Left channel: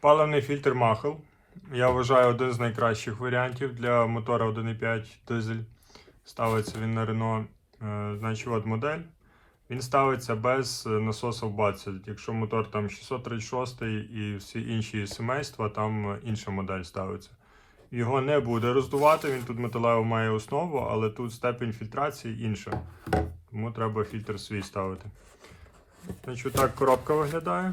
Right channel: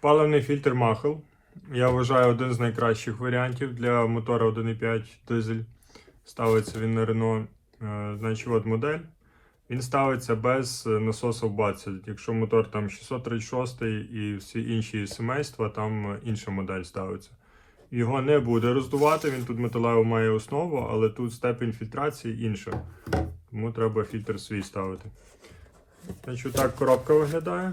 Паливний фільтр Махел. Я вважаю один з найкращих варіантів для мотора 1.5 дизель. Ставиться він на Renault. Е, Значить, от модель. Він ставиться без е, насосу в баці. Якщо мотор там 636 і всі інші сімейства, там е, інша модель ставиться. Його не буде роздувати, він тут металеву має основу, але тут степень фільтрації інша. Тому треба фільтр свій ставити. Значить, так коробка виглядає.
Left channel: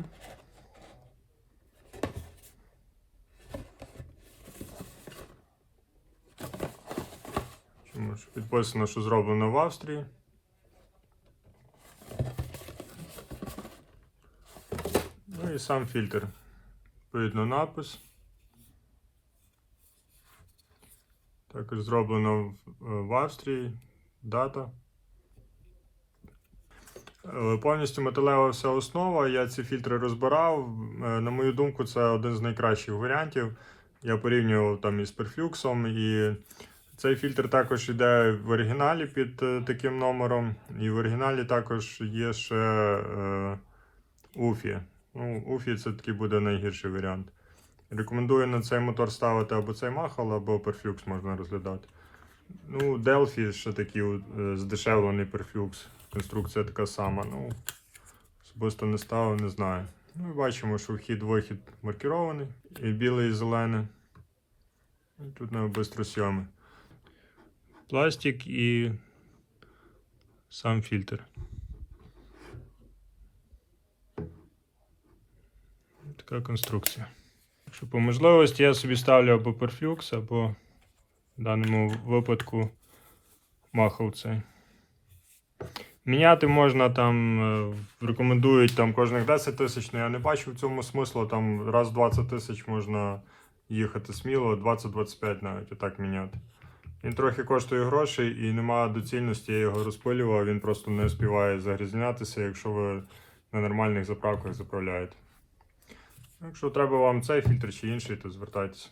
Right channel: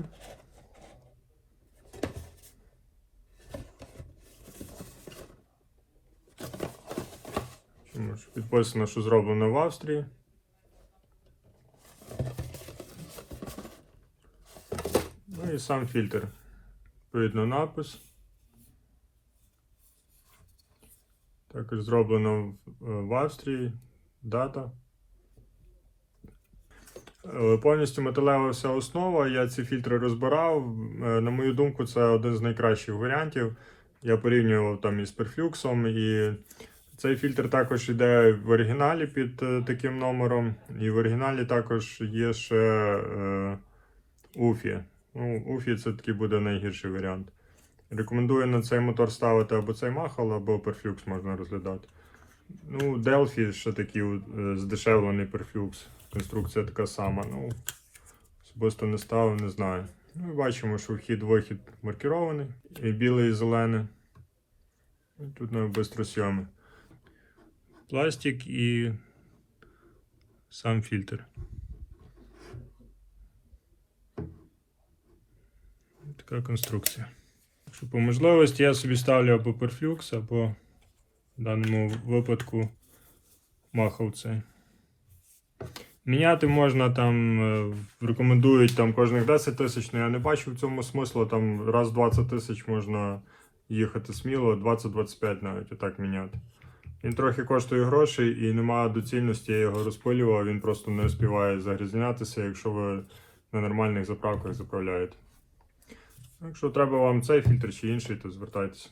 Підписано, що зроблено в Австрії. Ну і сам фільтр. Відповідно напис. Також зроблено в, Австрії. Дата. Е, Повністю металева вся основа. Я ці фільтри розбирав. Е, На мою думку, це один з найкращих варіантів. Я порівнював там із перфлюксом, і цей фільтр також йде в оригіналі під е, таким номером. І в оригіналі також є ще е, Уфі. Ну, Уфі це такий буде найгірший варіант. Рекомендую на цей мотор ставити або цей Махал, або перфлюкс можна розглядати. Ну, Delphi ще такий е, здешевлений перфлюкс. Конструкція така сама. Ну, особисто не ставив, не знаю. Ну бачимо, що вхід-вихід маркірований. І білий, і зелений. І тут на бистросйоми. Пластик і сам фільтр. Така конструкція. Що по можливості я собі ставлю або перфлюкс, або в даному випадку махав цей. Міняти можна там, е, рекомендують там кожних 10 тисяч, але я не бачу в цьому смислу. Там раз 20 тисяч можна їхати сміло, 20-25 навіть отак міняти. Він трохи коштує грошей і немає доцільності, я його розпилював, він просто не співає загрізнятися, якщо ви на нормальних заправках заправляєте. Якщо треба вам цей фільтр чи інший, то звертайтеся.